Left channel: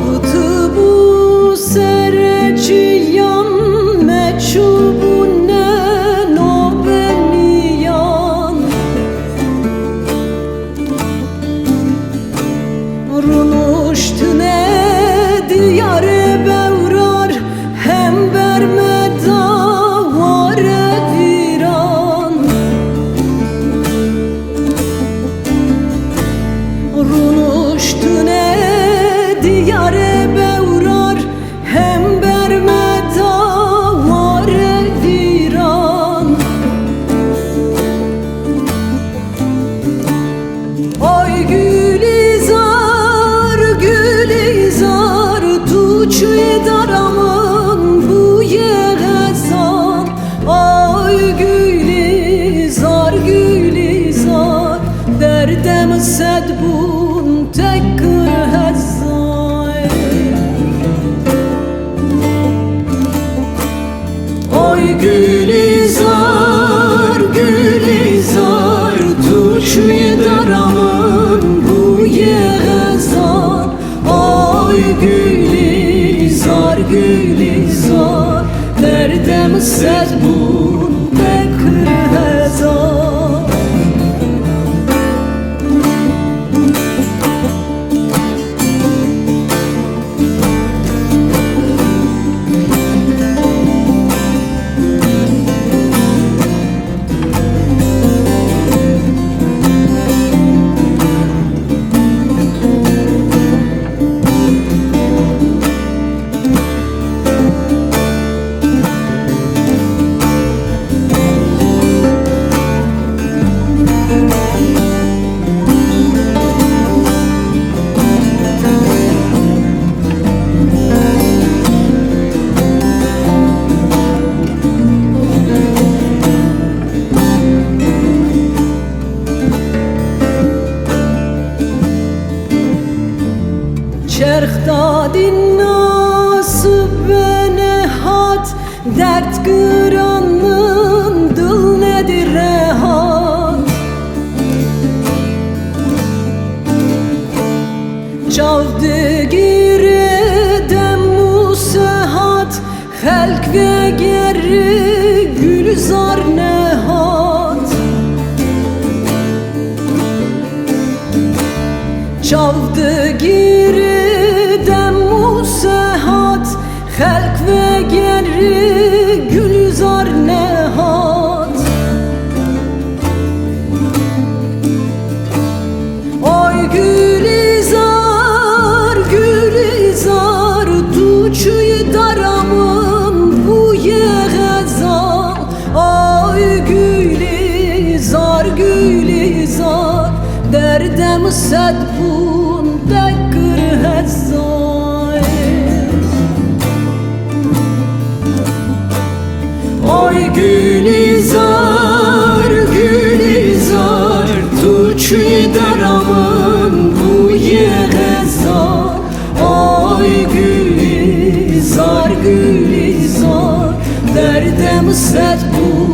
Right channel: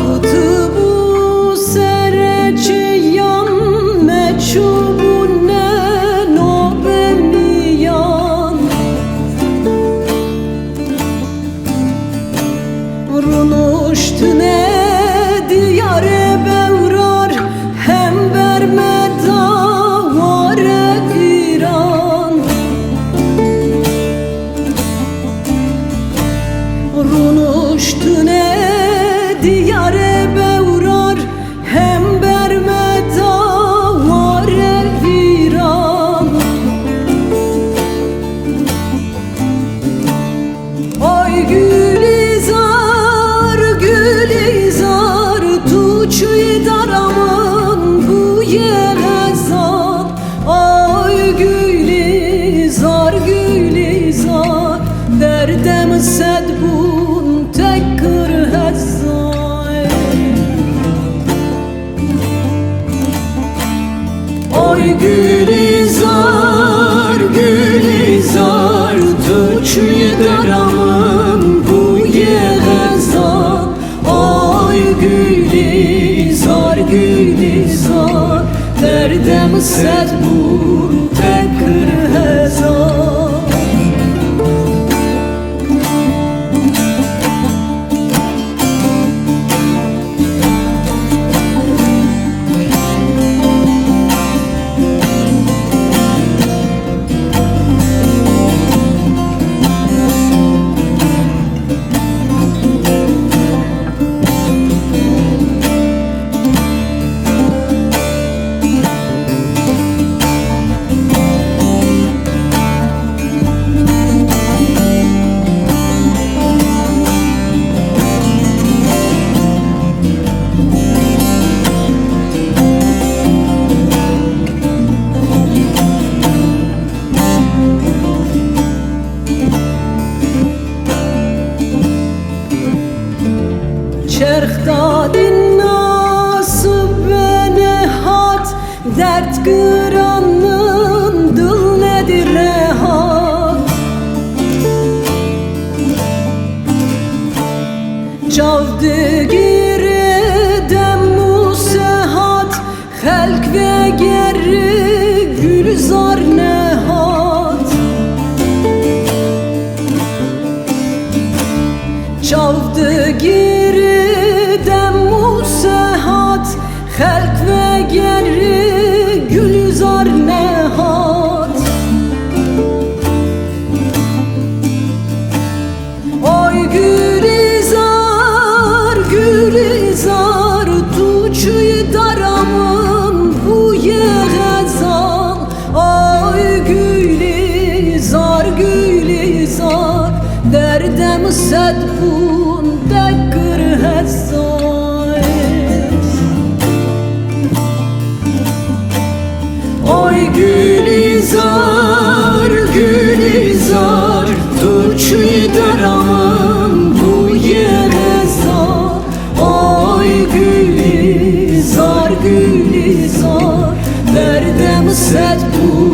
Ağıtı bu sereciyan meçhubunen o beniyan Runuştu ne diyare bevrar hem bermeda vare viran Runuştu ne diyare bevrar hem bermeda vare viran Ay Gülizar, Gülizar tuçuy daramın bu yeğezan Ay Gülizar, Gülizar derdem sedbun tekkır hezzayr Ay Gülizar, Gülizar tuçuy daramın bu yeğezan Ay Gülizar, Gülizar derdem sedbun tekkır hezzayr Çerx dadin nasib nehat dert kıranın dıl nedir rehat Çavdı gire demmu sehat Halk ve geri gülzar nehat Çavdı giri demmu sehat Halk ve geri gülzar nehat Ay Gülizar, Gülizar tuçuy daramın bu yeğezan Ay Gülizar, Gülizar derdem sedbun tekkır hezzayr Ay Gülizar, Gülizar tuçuy daramın bu yeğezan Ay Gülizar, Gülizar derdem sedbun